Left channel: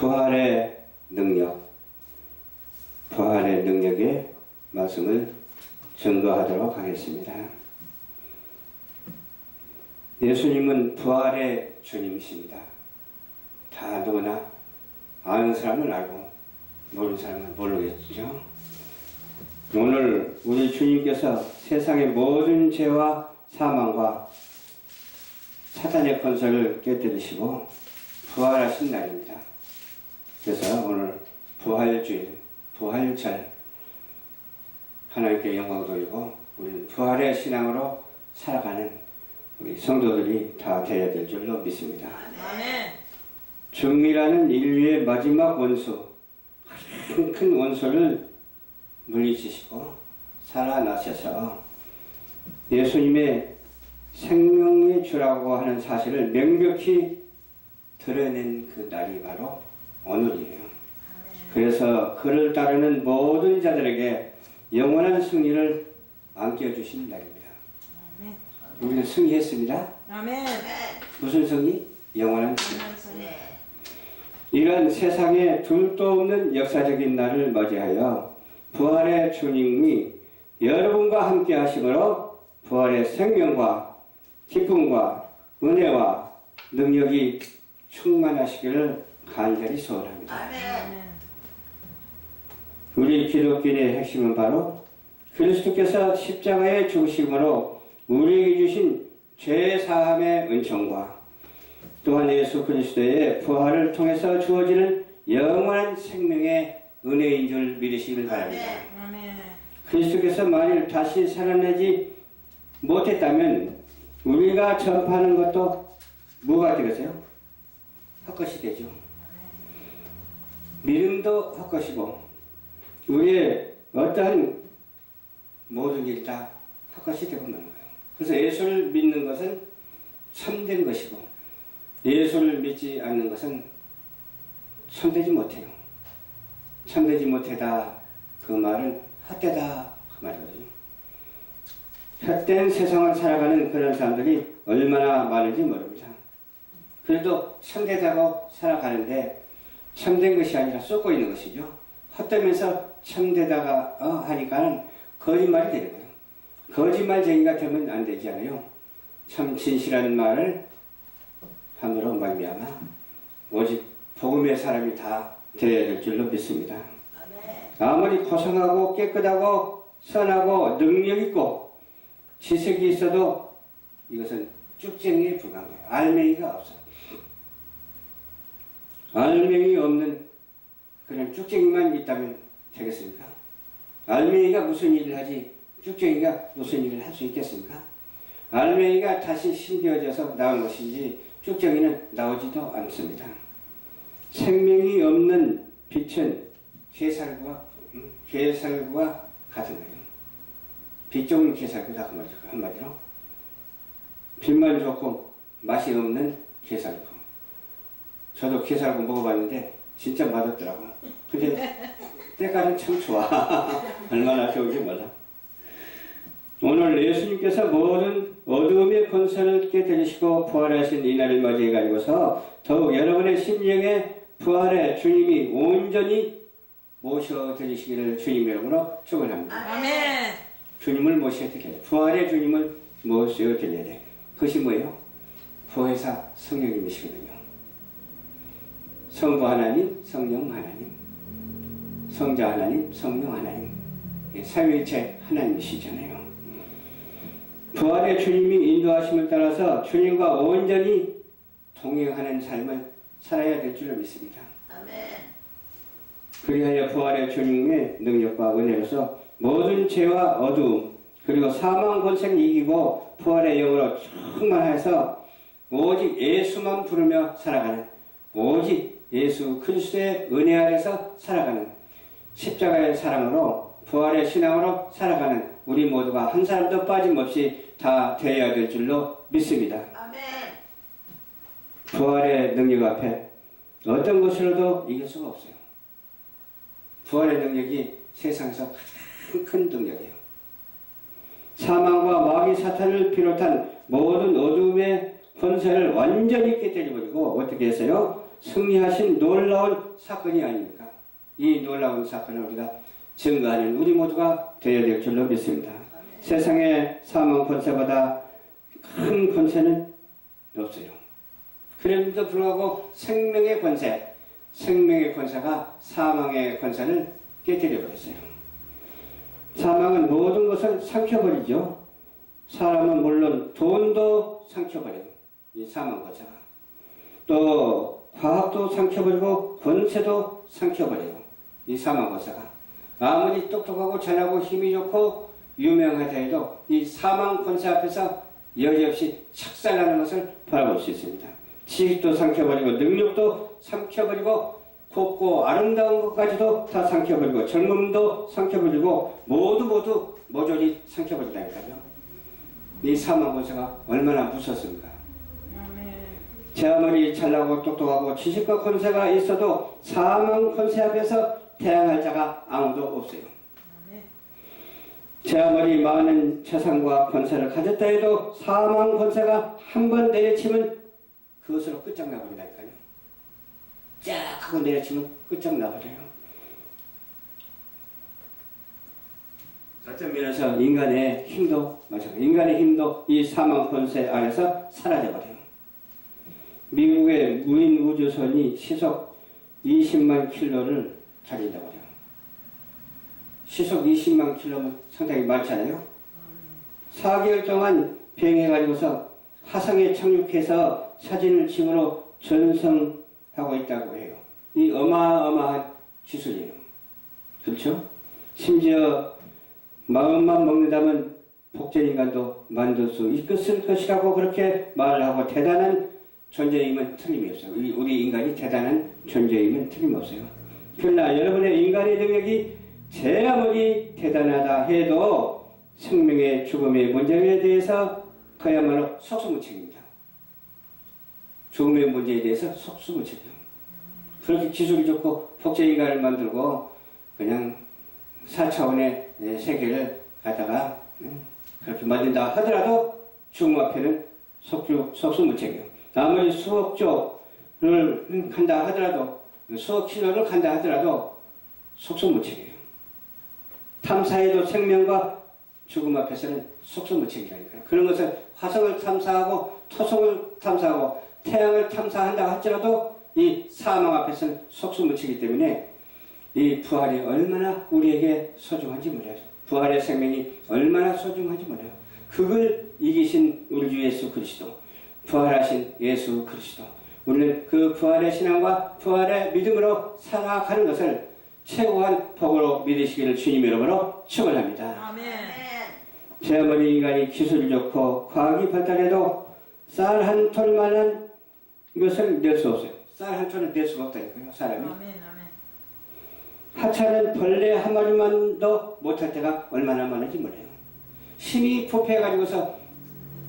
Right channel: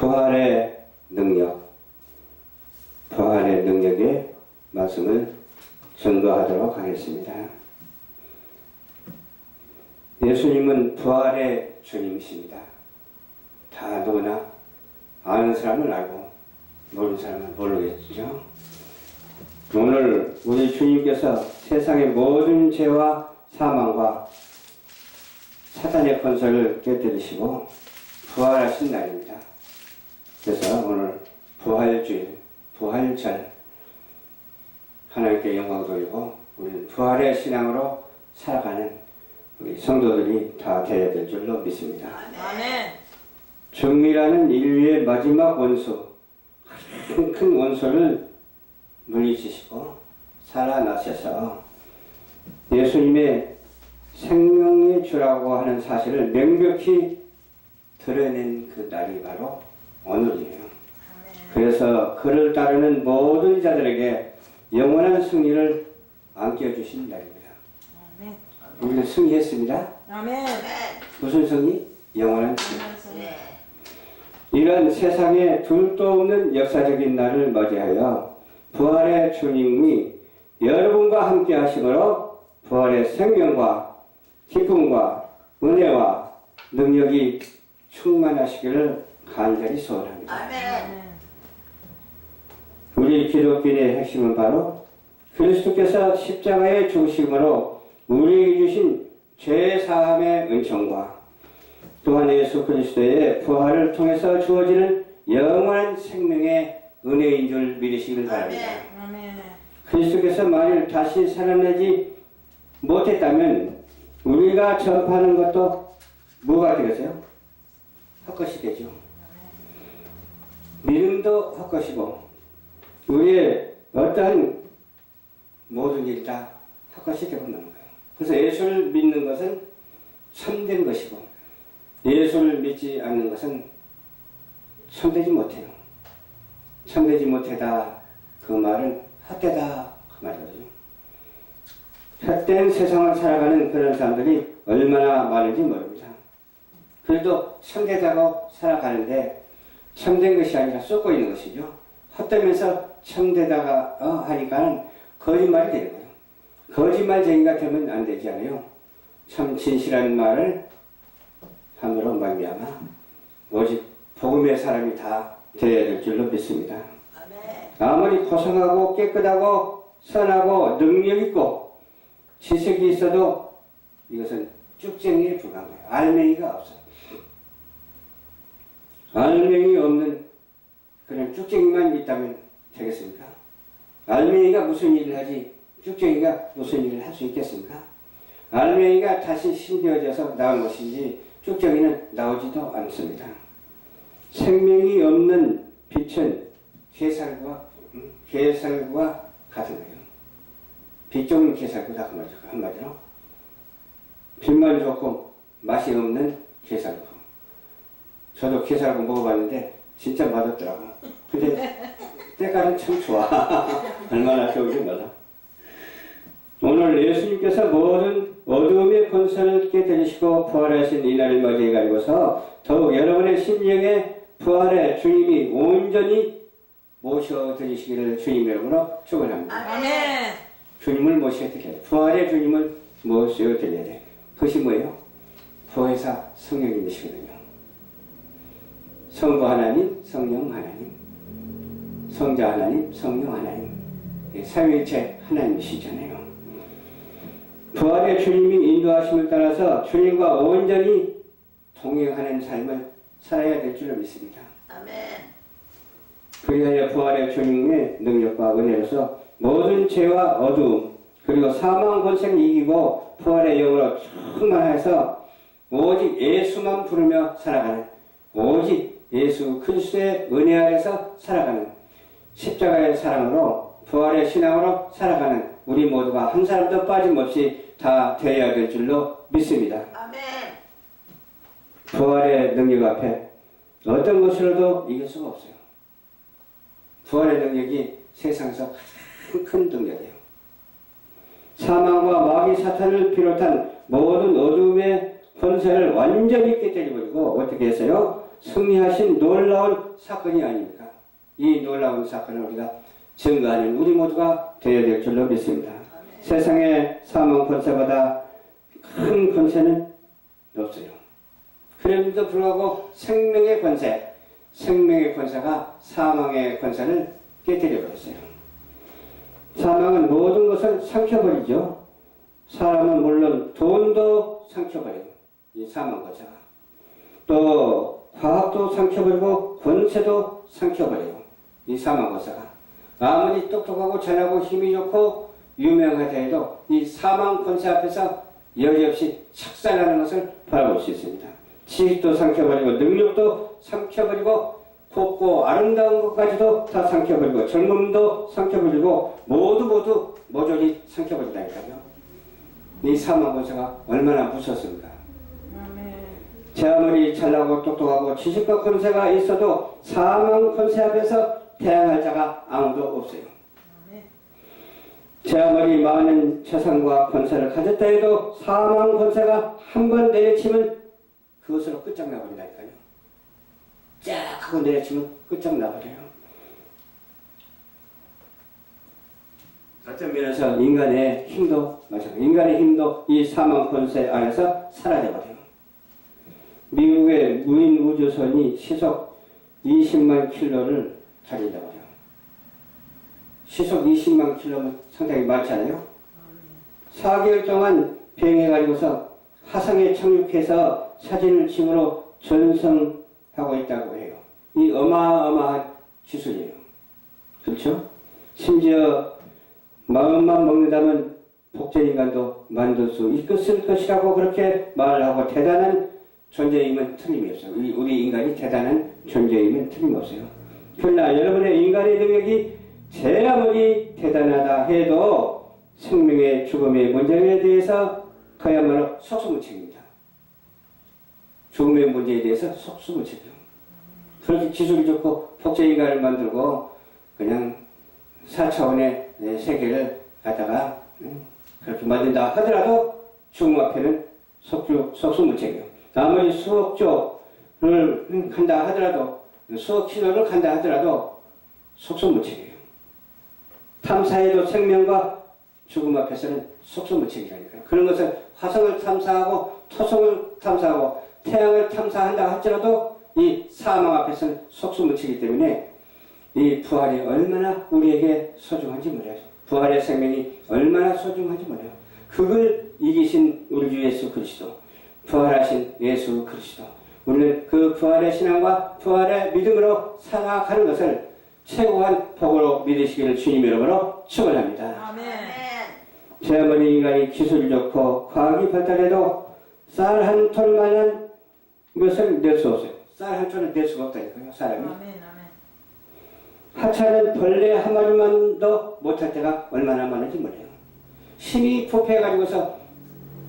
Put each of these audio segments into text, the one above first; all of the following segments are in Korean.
부활의 능력의 말씀을 증거하도록 하겠습니다. 예수님은 부활의 주님이십니다. 다 누구나 아는 사람은 알고 모르는 사람은 모르겠죠. 오늘 우리 주님께서 세상의 모든 죄와 사망과 사탄의 권세를 깨뜨리시고 부활하신 날입니다. 그래서 오늘 부활주일, 부활절 하나님께 영광 돌리고 우리는 부활의 신앙으로 살아가는 우리 성도들이 다 되어야 될 줄로 믿습니다. 아멘. 정밀하는 인류의 마지막 원수, 큰 원수를 물리치시고 살아나셔서 예수님의 생명의 주라고 하는 사실을 명백히 드러낸 그 날이 바로 오늘이에요. 그래서 그를 따르는 모든 자들에게 영원한 승리를 안겨주신 날입니다. 아멘. 우리는 승리했습니다. 아멘. 무슨 승리? 영원한 승리. 이런 세상에 둘도 없는 역사적인 날을 맞이하여 부활의 주님이 여러분과 함께 하심으로 부활의 생명과 기쁨과 은혜와 능력이 충만하시기를 간절히 소원합니다. 아멘. 우리 기독교의 핵심은 바로 그리스도께서 십자가의 중심으로 우리에게 주신 죄사함의 은총과 또한 예수 그리스도의 부활을 통해서 주어지는 영원한 생명의 은혜인 줄 믿으시길 바랍니다. 아멘. 그리스도께서 만일 다시 살아나지 못했다면 우리가 전파하는 것도 뭐가 되겠어요? 헛것이 되죠. 믿음도 헛것이고 우리의 어떠한 모든 일이 다 헛것이 되고 마는 거예요. 그래서 예수를 믿는 것은 참된 것이고 예수를 믿지 않는 것은 참되지 못해요. 참되지 못하다 그 말은 헛되다 그 말이거든요. 헛된 세상을 살아가는 그런 사람들이 얼마나 많은지 모릅니다. 그래도 참되다고 살아가는데 참된 것이 아니라 쏟고 있는 것이죠. 헛되면서 참되다가 하니까는 거짓말이 되는 거예요. 거짓말쟁이가 되면 안 되지 않아요. 참 진실한 말을 함으로 말미암아 오직 복음의 사람이 다 되어야 될 줄로 믿습니다. 아무리 고상하고 깨끗하고 선하고 능력있고 지식이 있어도 이것은 쭉쟁이에 불과한 거예요. 알맹이가 없어요. 알맹이 없는 그런 쭉쟁이만 있다면 되겠습니까? 알맹이가 무슨 일을 하지 쭉쟁이가 무슨 일을 할 수 있겠습니까? 알맹이가 다시 심겨져서 나온 것이지 쭉쟁이는 나오지도 않습니다. 생명이 없는 빛은 게살과 같은 거예요. 빛 좋은 게살구다 그 말이죠. 한마디로 빛만 좋고 맛이 없는 게살구. 저도 게살구 먹어봤는데 진짜 맛없더라고. 근데 때깔은 참 좋아. 얼마나 좋은지 몰라. 오늘 예수님께서 모든 어둠의 권세를 깨뜨리시고 부활하신 이날을 맞이해가지고서 더욱 여러분의 심령에 부활의 주님이 온전히 모셔드리시기를 주님 이름으로 축원합니다. 아멘. 주님을 모셔드려야 돼. 부활의 주님을 모셔드려야 돼. 그것이 뭐예요? 부활사 성령님이시거든요. 성부 하나님, 성령 하나님, 성자 하나님, 성령 하나님, 삼위일체 하나님이시잖아요. 부활의 주님이 인도하심을 따라서 주님과 온전히 동행하는 삶을 살아야 될 줄로 믿습니다. 아멘. 그리하여 부활의 주님의 능력과 은혜로서 모든 죄와 어두움 그리고 사망 권세를 이기고 부활의 영으로 충만해서 오직 예수만 부르며 살아가는 오직 예수 그리스도의 은혜 아래서 살아가는 십자가의 사랑으로 부활의 신앙으로 살아가는 우리 모두가 한 사람도 빠짐없이 다 되어야 될 줄로 믿습니다. 아멘. 부활의 능력 앞에 어떤 것으로도 이길 수가 없어요. 부활의 능력이 세상에서 가장 큰 능력이에요. 사망과 마귀 사탄을 비롯한 모든 어둠의 권세를 완전히 깨뜨려버리고 어떻게 했어요? 승리하신 놀라운 사건이 아닙니까? 이 놀라운 사건을 우리가 증거하는 우리 모두가 되어야 될 줄로 믿습니다. 세상의 사망 권세보다 큰 권세는 없어요. 그럼에도 불구하고 생명의 권세가 사망의 권세를 깨뜨려 버렸어요. 사망은 모든 것을 삼켜버리죠. 사람은 물론 돈도 삼켜버려요. 이 사망 권세가. 또 과학도 삼켜버리고 권세도 삼켜버려요. 이 사망 권세가. 아무리 똑똑하고 잘하고 힘이 좋고 유명하다 해도 이 사망 권세 앞에서 여지없이 착살하는 것을 바라볼 수 있습니다. 지식도 삼켜버리고 능력도 삼켜버리고 곱고 아름다운 것까지도 다 삼켜버리고 젊음도 삼켜버리고 모두 모조리 삼켜버린다니까요. 이 사망 권세가 얼마나 무섭습니까? 제 아무리 잘나고 똑똑하고 지식과 권세가 있어도 사망 권세 앞에서 대항할 자가 아무도 없어요. 제 아무리 많은 재산과 권세를 가졌다 해도 사망 권세가 한 번 내려치면 그것으로 끝장나버린다니까요. 쫙 하고 내려치면 끝장나버려요. 어떤 면에서 인간의 힘도 마찬가지. 인간의 힘도 이 사망 권세 안에서 사라져버려요. 미국의 무인 우주선이 시속 20만 킬로를 달린다고 해요. 시속 20만 킬로면 상당히 많잖아요. 4개월 동안 비행해가지고서 화성에 착륙해서 사진을 찍으러 전송하고 있다고 해요. 이 어마어마한 기술이에요. 그렇죠? 심지어 마음만 먹는다면 복제인간도 만들 수 있을 것이라고 그렇게 말을 하고 대단한 존재임은 틀림이 없어요. 우리 인간이 대단한 존재임은 틀림없어요. 그러나 여러분의 인간의 능력이 제 아무리 대단하다 해도 생명의 죽음의 문제에 대해서 그야말로 속수무책입니다. 죽음의 문제에 대해서 속수무책이에요. 그렇게 기술이 좋고 복제인간을 만들고 그냥 4차원의 세계를 갖다가 그렇게 만든다 하더라도 죽음 앞에는 속수무책이에요. 아무리 수억 조를 간다 하더라도 수억 킬로를 간다 하더라도 속수무책이에요. 탐사해도 생명과 죽음 앞에서는 속수무책이라니까요. 그런 것을 화성을 탐사하고 토성을 탐사하고 태양을 탐사한다 할지라도 이 사망 앞에서는 속수무책이기 때문에 이 부활이 얼마나 우리에게 소중한지 몰라요. 부활의 생명이 얼마나 소중한지 몰라요. 그걸 이기신 우리 주 예수 그리스도, 부활하신 예수 그리스도, 우리는 그 부활의 신앙과 부활의 믿음으로 살아가는 것을 최고한 복으로 믿으시기를 주님 이름으로 축원합니다. 아멘. 제 아무리 인간이 기술이 좋고 과학이 발달해도 쌀 한 톨만한 것을 낼 수 없어요. 쌀 한 톨을 낼 수가 없다니까요, 사람이. 아멘. 하찮은 벌레 한 마리만도 못할 때가 얼마나 많은지 몰라요. 힘이 부패해가지고서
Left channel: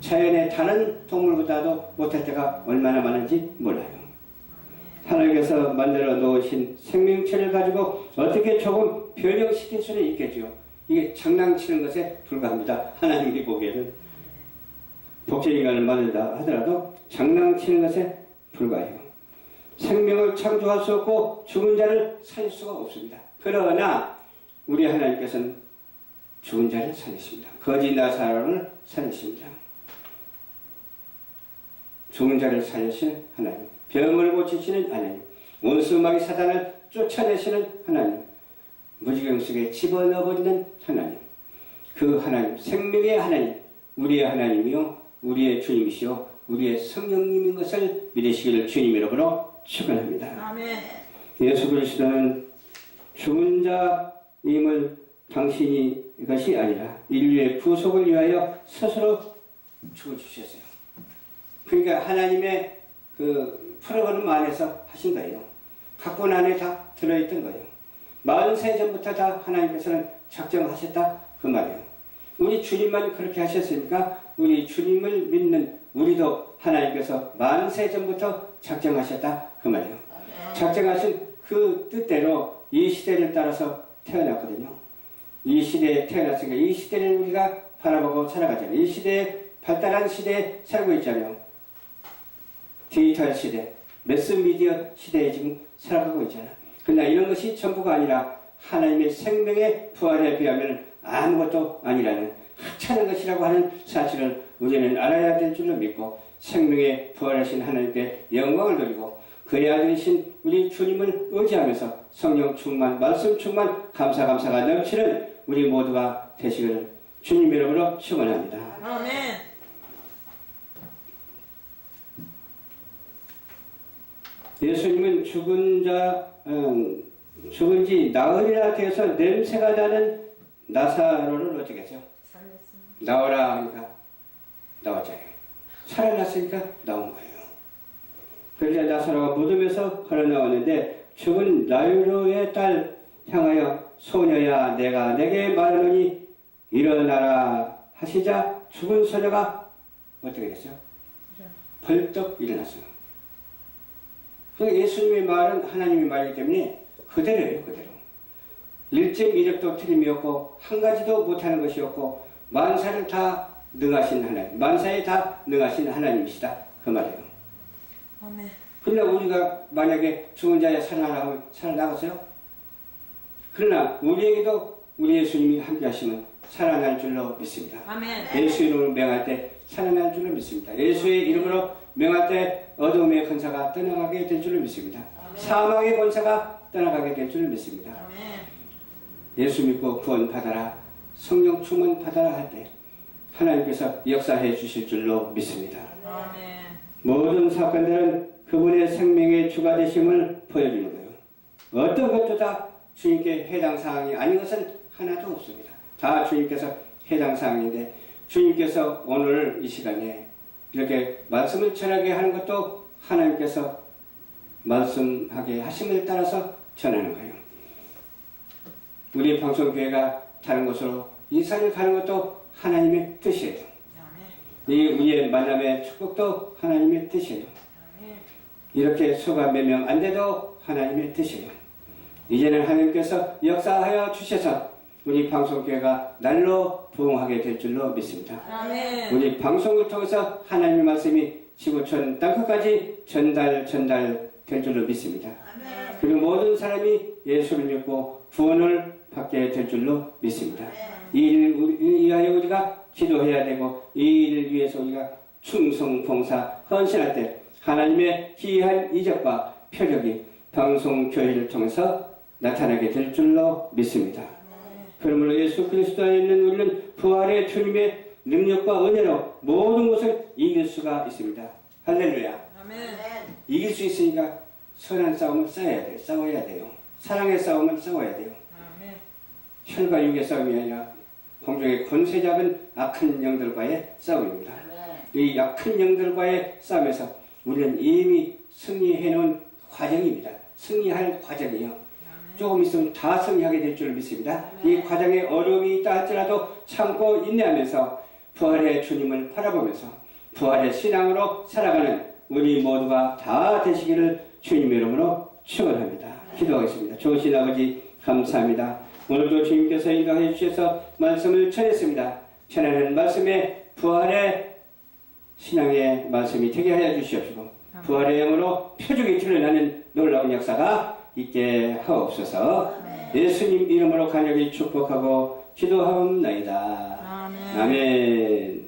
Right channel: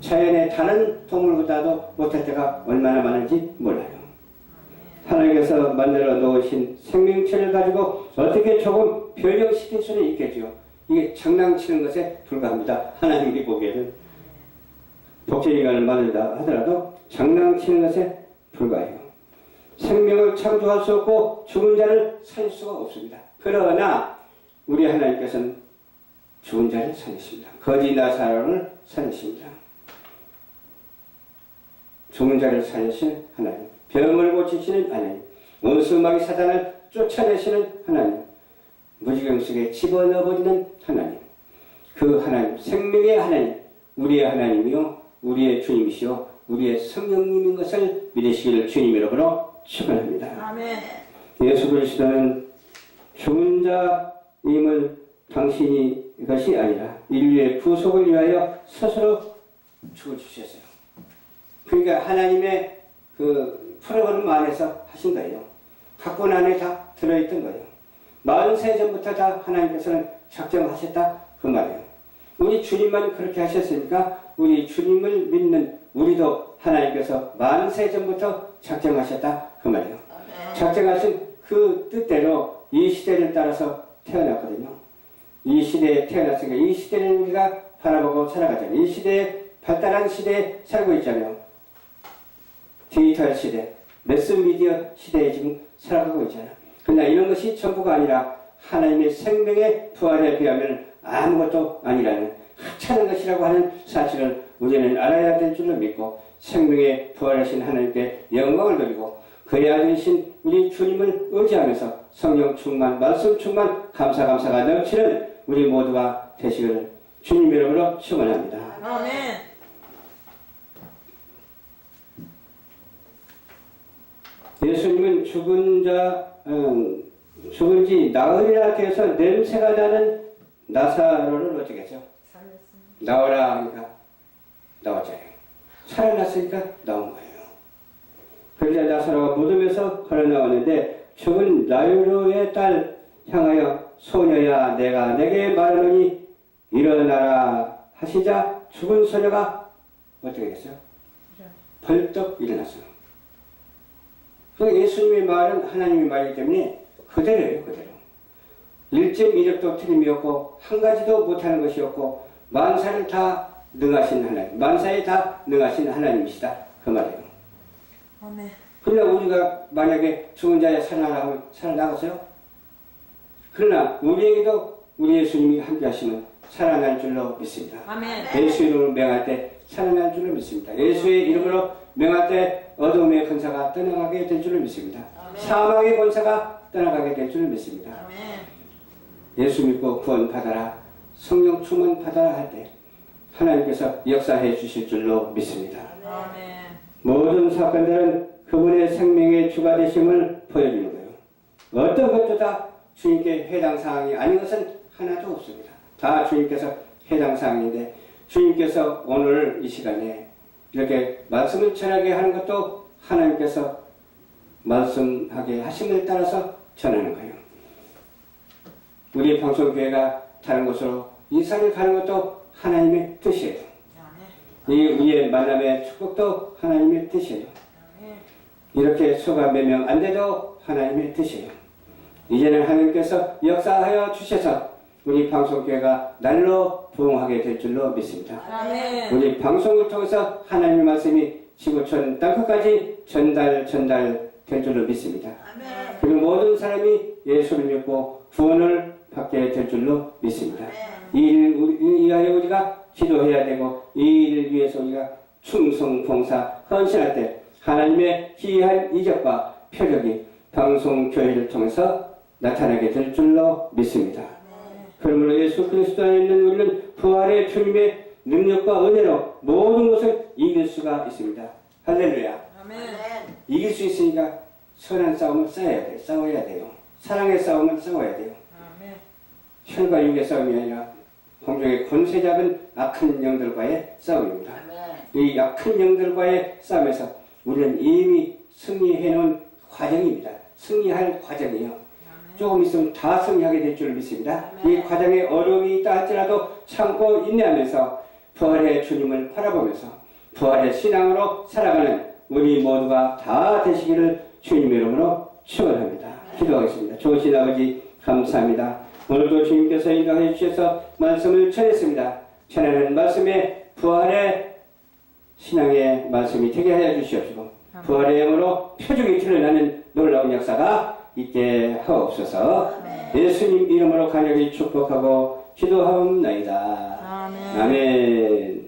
자연의 다른 동물보다도 못할 때가 얼마나 많은지 몰라요. 하나님께서 만들어 놓으신 생명체를 가지고 어떻게 조금 변형시킬 수는 있겠죠. 이게 장난치는 것에 불과합니다. 하나님이 보기에는 복제인간을 만든다 하더라도 장난치는 것에 불과해요. 생명을 창조할 수 없고 죽은 자를 살릴 수가 없습니다. 그러나 우리 하나님께서는 죽은 자를 살리십니다. 거지 나사로를 살리십니다. 죽은 자를 살리시는 하나님, 병을 고치시는 하나님, 원수마귀 사단을 쫓아내시는 하나님, 무지경 속에 집어넣어버리는 하나님, 그 하나님, 생명의 하나님, 우리의 하나님이요 우리의 주님이시요 우리의 성령님인 것을 믿으시기를 주님 이름으로 축원합니다. 아멘. 예수 그리스도는 죽은 자임을 당신이 것이 아니라 인류의 구속을 위하여 스스로 죽어주셨어요. 그러니까 하나님의 그 프로그램 안에서 하신 거예요. 각본 안에 다 들어있던 거예요. 40세 전부터 다 하나님께서는 작정하셨다 그 말이에요. 우리 주님만 그렇게 하셨으니까 우리 주님을 믿는 우리도 하나님께서 40세 전부터 작정하셨다 그 말이에요. 작정하신 그 뜻대로 이 시대를 따라서 태어났거든요. 이 시대에 태어났으니까 이 시대를 우리가 바라보고 살아가잖아요. 이 시대에 발달한 시대에 살고 있잖아요. 디지털 시대, 매스미디어 시대에 지금 살아가고 있잖아. 그러나 이런 것이 전부가 아니라 하나님의 생명의 부활에 비하면 아무것도 아니라는 하찮은 것이라고 하는 사실을 우리는 알아야 될 줄로 믿고 생명의 부활하신 하나님께 영광을 돌리고 그의 아들이신 우리 주님을 의지하면서 성령 충만, 말씀 충만, 감사가 넘치는 우리 모두가 되시기를 주님 이름으로 축원합니다. 아멘. 예수님은 죽은 지 나흘이나 되어서 냄새가 나는 나사로를 어떻게 했죠? 나오라 하니까 나왔잖아요. 살아났으니까 나온 거예요. 그러자 나사로가 무덤에서 걸어 나왔는데 죽은 나유로의 딸 향하여 소녀야 내가 내게 말하노니 일어나라 하시자 죽은 소녀가 어떻게 됐어요? 벌떡 일어났어요. 그러니까 예수님의 말은 하나님의 말이기 때문에 그대로예요. 그대로. 1.1획도 틀림이 없고 한 가지도 못하는 것이 없고 만사를 다 능하신 하나님, 만사에 다 능하신 하나님이시다. 그 말이에요. 아멘. 그러나 우리가 만약에 죽은 자에 살아나면 살아나갔어요? 그러나 우리에게도 우리 예수님이 함께 하시면 살아날 줄로 믿습니다. 아멘. 예수 이름으로 명할 때 살아날 줄로 믿습니다. 예수의 이름으로 명할 때 어둠의 권사가 떠나가게 될 줄로 믿습니다. 사망의 권사가 떠나가게 될 줄로 믿습니다. 아멘. 예수 믿고 구원 받아라, 성령 충만 받아라 할 때 하나님께서 역사해 주실 줄로 믿습니다. 아멘. 모든 사건들은 그분의 생명의 주가 되심을 보여주는 거예요. 어떤 것도 다 주님께 해당 사항이 아닌 것은 하나도 없습니다. 다 주님께서 해당 사항인데 주님께서 오늘 이 시간에 이렇게 말씀을 전하게 하는 것도 하나님께서 말씀하게 하심을 따라서 전하는 거예요. 우리 방송교회가 다른 곳으로 이사를 가는 것도 하나님의 뜻이에요. 이 우리의 만남의 축복도 하나님의 뜻이에요. 이렇게 수가 몇 명 안 돼도 하나님의 뜻이에요. 이제는 하나님께서 역사하여 주셔서 우리 방송교회가 날로 부흥하게 될 줄로 믿습니다. 아멘. 우리 방송을 통해서 하나님의 말씀이 지구촌 땅끝까지 전달 될 줄로 믿습니다. 아멘. 그리고 모든 사람이 예수를 믿고 구원을 받게 될 줄로 믿습니다. 이 일을 위하여 우리가 기도해야 되고 이 일을 위해서 우리가 충성 봉사 헌신할 때 하나님의 기이한 이적과 표적이 방송교회를 통해서 나타나게 될 줄로 믿습니다. 그러므로 예수 그리스도 안에 있는 우리는 부활의 주님의 능력과 은혜로 모든 것을 이길 수가 있습니다. 할렐루야. 아멘. 이길 수 있으니까 선한 싸움을 싸워야 돼요. 사랑의 싸움을 싸워야 돼요. 아멘. 혈과 육의 싸움이 아니라 공중의 권세 잡은 악한 영들과의 싸움입니다. 이 악한 영들과의 싸움에서 우리는 이미 승리해 놓은 과정입니다. 승리할 과정이에요. 조금 있으면 다 승리하게 될 줄 믿습니다. 이 과정에 어려움이 있다 할지라도 참고 인내하면서 부활의 주님을 바라보면서 부활의 신앙으로 살아가는 우리 모두가 다 되시기를 주님 이름으로 축원합니다. 기도하겠습니다. 좋으신 아버지 감사합니다. 오늘도 주님께서 인도해 주셔서 말씀을 전했습니다. 전하는 말씀에 부활의 신앙의 말씀이 되게 하여 주시옵시고 부활의 영으로 표적이 드러나는 놀라운 역사가 있게 하옵소서. 예수님 이름으로 간절히 축복하고 기도하옵나이다. 아멘. 아멘.